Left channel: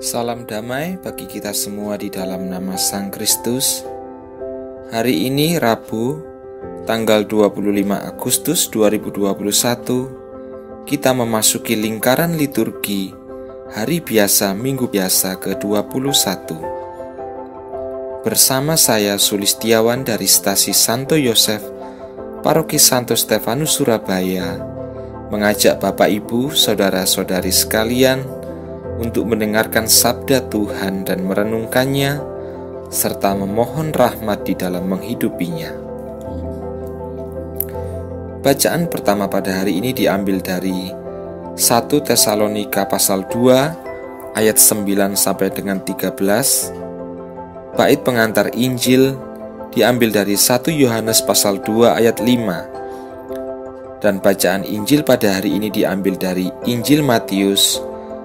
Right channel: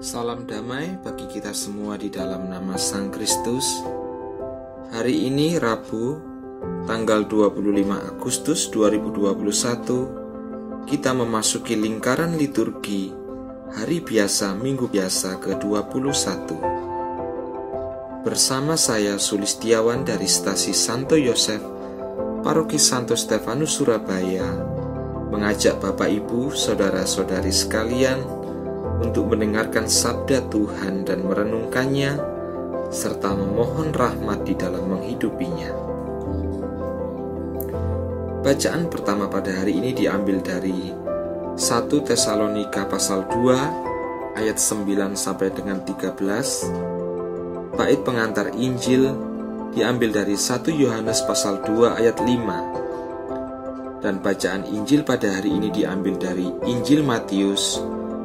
Salam damai bagi kita semua di dalam nama Sang Kristus. Hari ini Rabu, tanggal 25 Agustus 2021, kita memasuki lingkaran liturgi Hari Biasa Minggu Biasa ke-21. Bersama saya Sulistiawan dari Stasi Santo Yosef, Paroki Santo Stefanus Surabaya, mengajak Bapak Ibu, Saudara-saudari sekalian untuk mendengarkan sabda Tuhan dan merenungkannya, serta memohon rahmat di dalam menghidupinya. Bacaan pertama pada hari ini diambil dari 1 Tesalonika pasal 2 ayat 9 sampai dengan 13. Bait pengantar Injil diambil dari 1 Yohanes pasal 2 ayat 5. Dan bacaan Injil pada hari ini diambil dari Injil Matius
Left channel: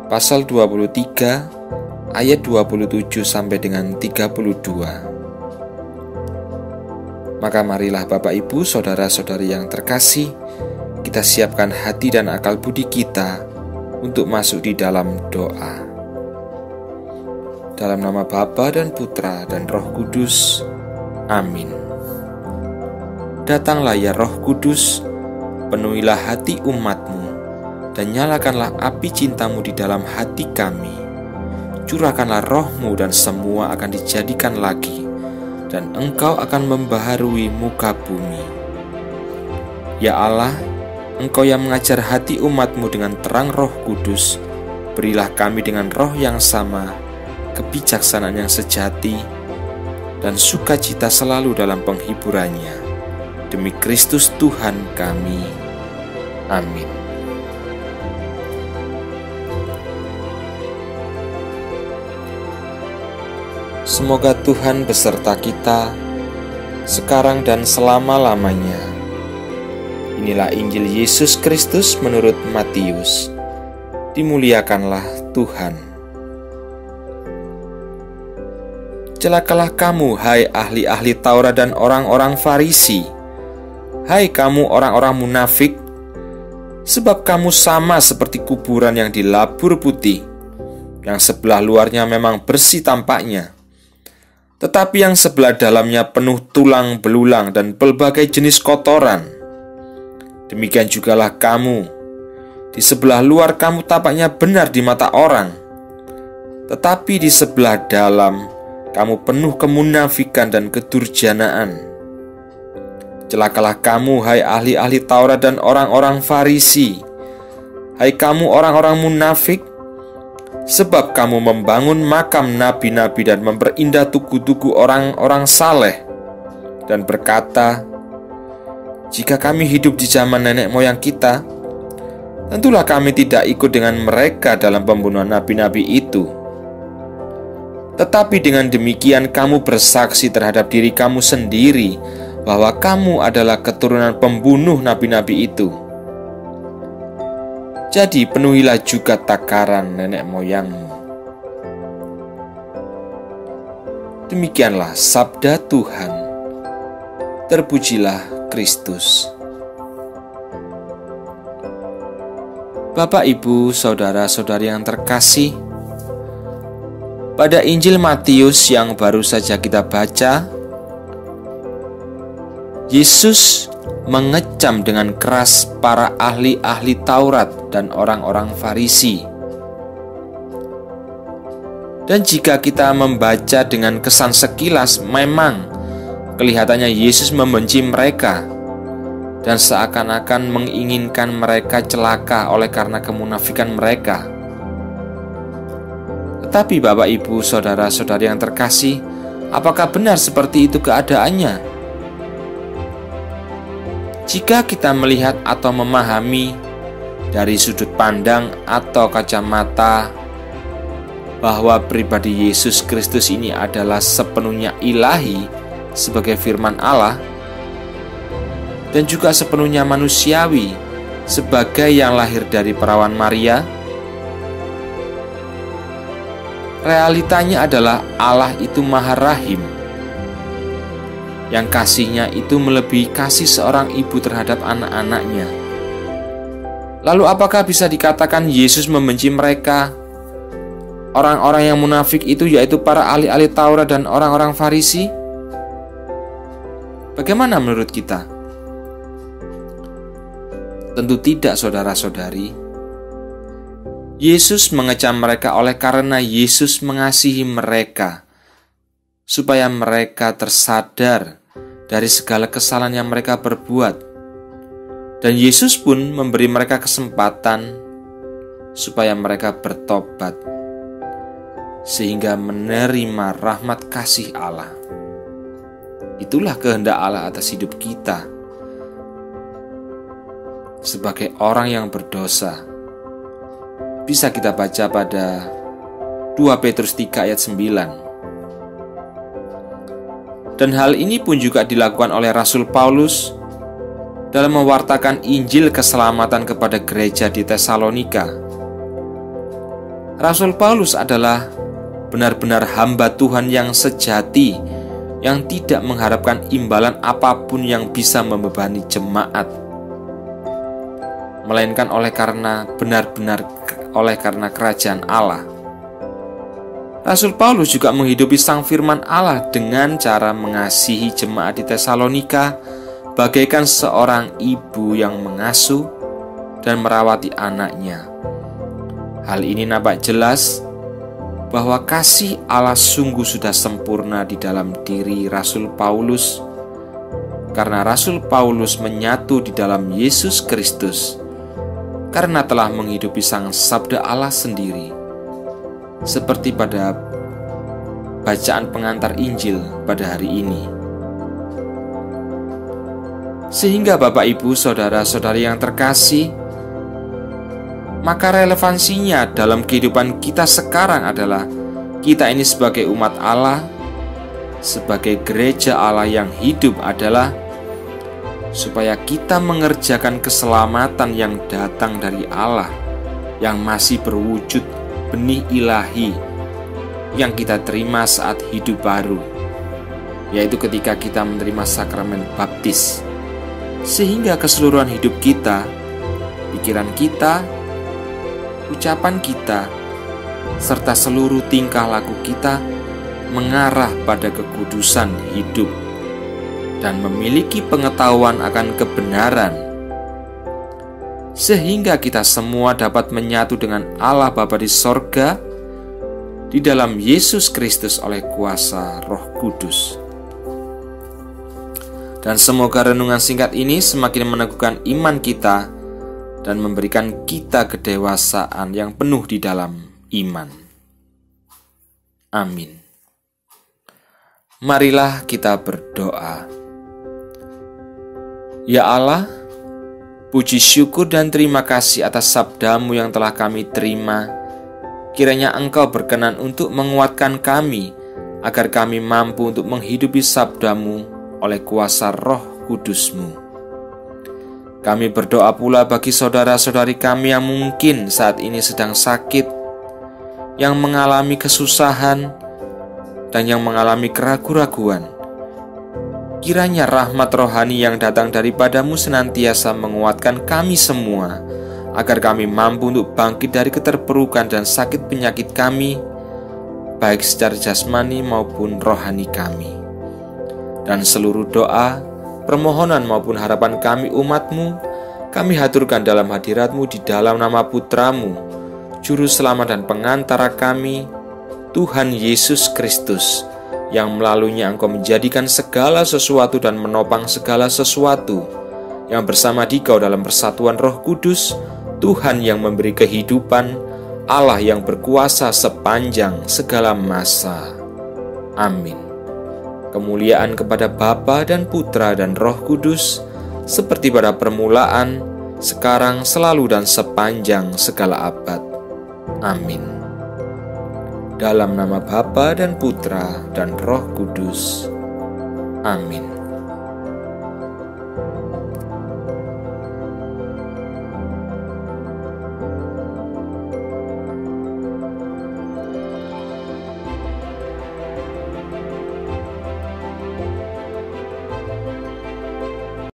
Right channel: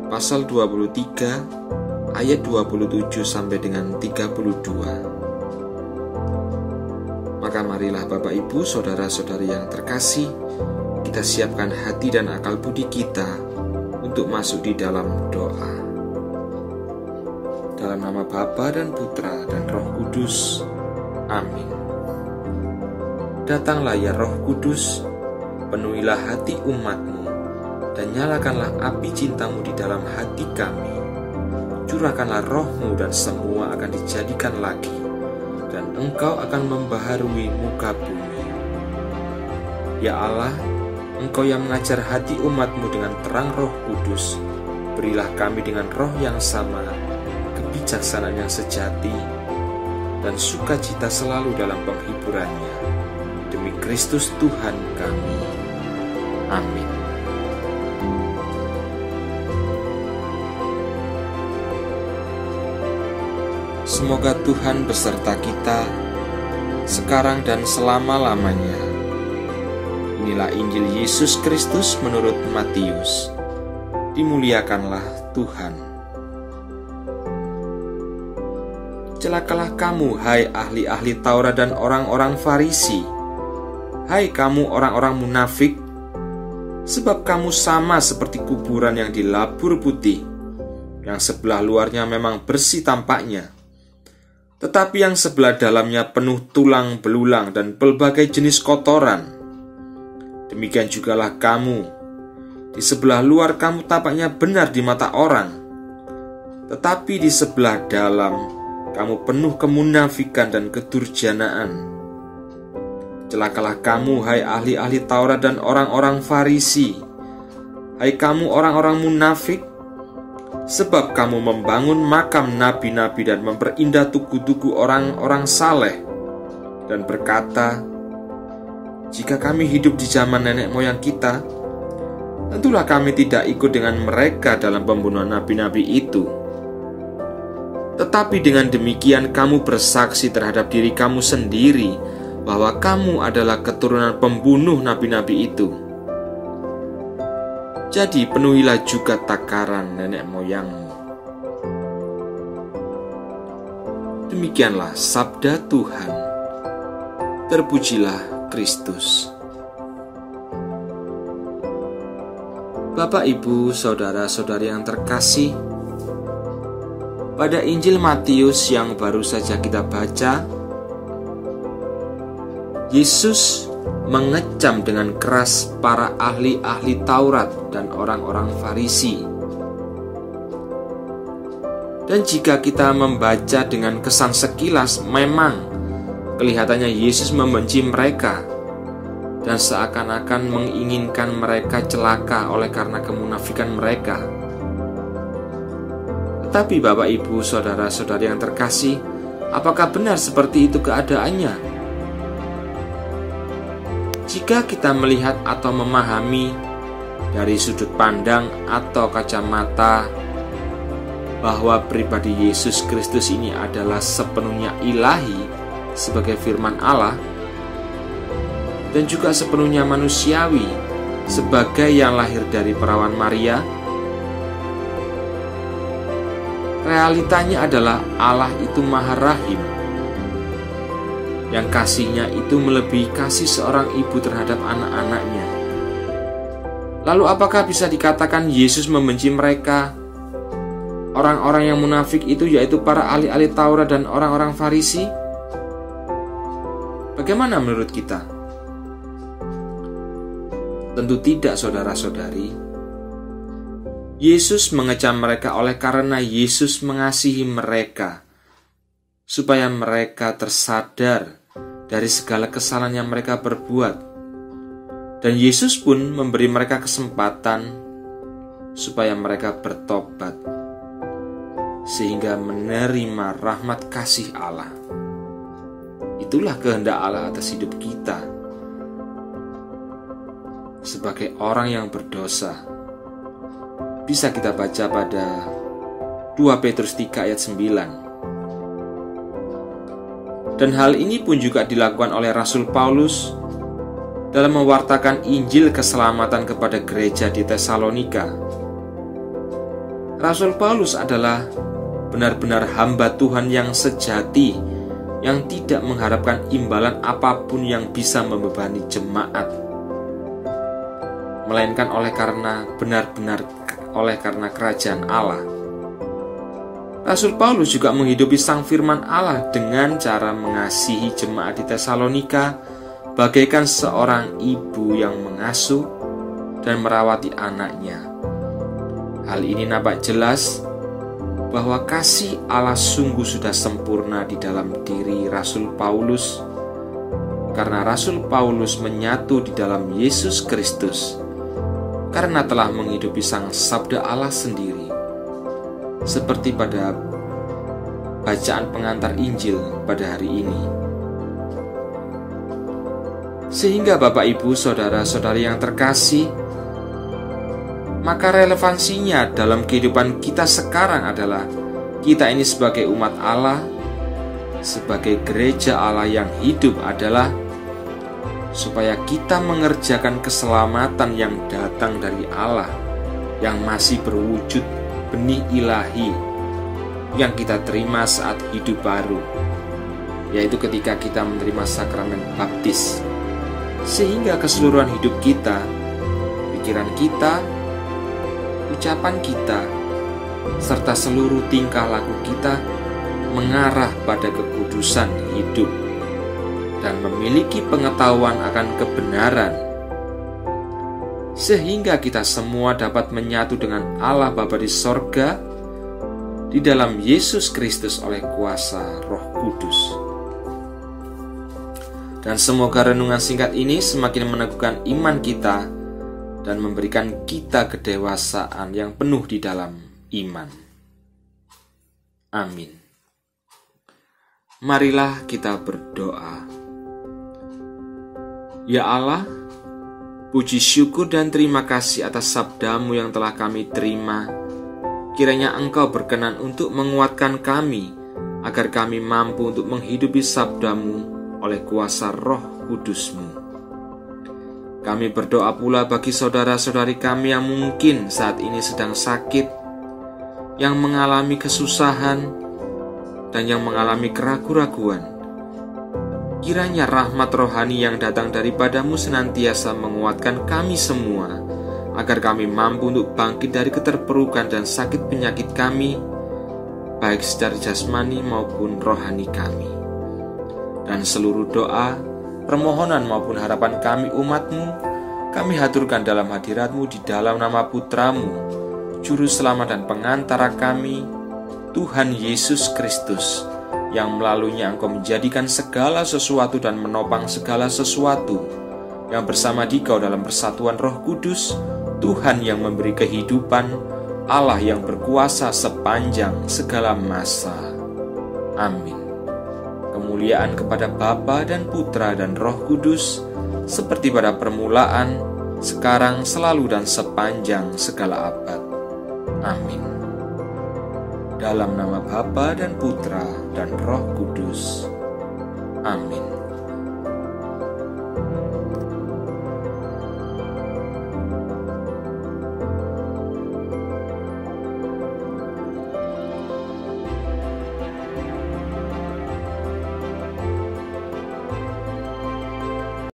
pasal 23 ayat 27 sampai dengan 32. Maka marilah Bapak Ibu, saudara-saudari yang terkasih, kita siapkan hati dan akal budi kita untuk masuk di dalam doa. Dalam nama Bapa dan Putra dan Roh Kudus. Amin. Datanglah ya Roh Kudus, penuhilah hati umat-Mu, dan nyalakanlah api cinta-Mu di dalam hati kami. Curahkanlah Roh-Mu dan semua akan dijadikan lagi, dan Engkau akan membaharui muka bumi. Ya Allah, Engkau yang mengajar hati umat-Mu dengan terang Roh Kudus, berilah kami dengan roh yang sama, kebijaksanaan yang sejati, dan sukacita selalu dalam penghiburannya. Demi Kristus Tuhan kami. Amin. Semoga Tuhan beserta kita, sekarang dan selama-lamanya. Inilah Injil Yesus Kristus menurut Matius. Dimuliakanlah Tuhan. Celakalah kamu, hai ahli-ahli Taurat dan orang-orang Farisi. Hai kamu orang-orang munafik, sebab kamu sama seperti kuburan yang dilabur putih, yang sebelah luarnya memang bersih tampaknya, tetapi yang sebelah dalamnya penuh tulang belulang dan berbagai jenis kotoran. Demikian jugalah kamu. Di sebelah luar kamu tampaknya benar di mata orang, tetapi di sebelah dalam kamu penuh kemunafikan dan kedurjanaan. Celakalah kamu, hai ahli-ahli Taurat dan orang-orang Farisi. Hai kamu orang-orang munafik, sebab kamu membangun makam nabi-nabi dan memperindah tugu-tugu orang-orang saleh, dan berkata, jika kami hidup di zaman nenek moyang kita, tentulah kami tidak ikut dengan mereka dalam pembunuhan nabi-nabi itu. Tetapi dengan demikian kamu bersaksi terhadap diri kamu sendiri bahwa kamu adalah keturunan pembunuh nabi-nabi itu. Jadi penuhilah juga takaran nenek moyangmu. Demikianlah sabda Tuhan. Terpujilah Kristus. Bapak, Ibu, saudara-saudari yang terkasih, pada Injil Matius yang baru saja kita baca, Yesus mengecam dengan keras para ahli-ahli Taurat dan orang-orang Farisi. Dan jika kita membaca dengan kesan sekilas, memang kelihatannya Yesus membenci mereka dan seakan-akan menginginkan mereka celaka oleh karena kemunafikan mereka. Tetapi Bapak, Ibu, saudara-saudari yang terkasih, apakah benar seperti itu keadaannya? Jika kita melihat atau memahami dari sudut pandang atau kacamata bahwa pribadi Yesus Kristus ini adalah sepenuhnya ilahi sebagai firman Allah, dan juga sepenuhnya manusiawi sebagai yang lahir dari perawan Maria, realitanya adalah Allah itu Maha Rahim, yang kasihnya itu melebihi kasih seorang ibu terhadap anak-anaknya. Lalu apakah bisa dikatakan Yesus membenci mereka? orang-orang yang munafik itu, yaitu para ahli-ahli Taurat dan orang-orang Farisi? Bagaimana menurut kita? Tentu tidak, saudara-saudari. Yesus mengecam mereka oleh karena Yesus mengasihi mereka, supaya mereka tersadar dari segala kesalahan yang mereka perbuat. Dan Yesus pun memberi mereka kesempatan supaya mereka bertobat, sehingga menerima rahmat kasih Allah. Itulah kehendak Allah atas hidup kita sebagai orang yang berdosa. Bisa kita baca pada 2 Petrus 3 ayat 9. Dan hal ini pun juga dilakukan oleh Rasul Paulus dalam mewartakan Injil keselamatan kepada gereja di Tesalonika. Rasul Paulus adalah benar-benar hamba Tuhan yang sejati, yang tidak mengharapkan imbalan apapun yang bisa membebani jemaat, melainkan oleh karena kerajaan Allah. Rasul Paulus juga menghidupi sang firman Allah dengan cara mengasihi jemaat di Tesalonika bagaikan seorang ibu yang mengasuh dan merawati anaknya. Hal ini nampak jelas bahwa kasih Allah sungguh sudah sempurna di dalam diri Rasul Paulus, karena Rasul Paulus menyatu di dalam Yesus Kristus, karena telah menghidupi sang sabda Allah sendiri, seperti pada bacaan pengantar Injil pada hari ini. Sehingga Bapak, Ibu, saudara-saudari yang terkasih, maka relevansinya dalam kehidupan kita sekarang adalah kita ini sebagai umat Allah, sebagai gereja Allah yang hidup adalah supaya kita mengerjakan keselamatan yang datang dari Allah, yang masih berwujud benih ilahi yang kita terima saat hidup baru, yaitu ketika kita menerima sakramen baptis. Sehingga keseluruhan hidup kita, pikiran kita, ucapan kita, serta seluruh tingkah laku kita mengarah pada kekudusan hidup dan memiliki pengetahuan akan kebenaran, sehingga kita semua dapat menyatu dengan Allah Bapa di sorga di dalam Yesus Kristus oleh kuasa Roh Kudus. Dan semoga renungan singkat ini semakin meneguhkan iman kita dan memberikan kita kedewasaan yang penuh di dalam iman. Amin. Marilah kita berdoa. Ya Allah, puji syukur dan terima kasih atas sabda-Mu yang telah kami terima. Kiranya Engkau berkenan untuk menguatkan kami, agar kami mampu untuk menghidupi sabda-Mu oleh kuasa Roh Kudus-Mu. Kami berdoa pula bagi saudara-saudari kami yang mungkin saat ini sedang sakit, yang mengalami kesusahan, dan yang mengalami keraguan-raguan. Kiranya rahmat rohani yang datang daripada-Mu senantiasa menguatkan kami semua, agar kami mampu untuk bangkit dari keterpurukan dan sakit penyakit kami, baik secara jasmani maupun rohani kami. Dan seluruh doa, permohonan maupun harapan kami umat-Mu, kami haturkan dalam hadirat-Mu di dalam nama Putra-Mu, Juru Selamat dan Pengantara kami, Tuhan Yesus Kristus, yang melaluinya Engkau menjadikan segala sesuatu dan menopang segala sesuatu, yang bersama Dikau dalam persatuan Roh Kudus, Tuhan yang memberi kehidupan, Allah yang berkuasa sepanjang segala masa. Amin. Kemuliaan kepada Bapa dan Putra dan Roh Kudus, seperti pada permulaan, sekarang, selalu, dan sepanjang segala abad. Amin. Dalam nama Bapa dan Putra dan Roh Kudus. Amin.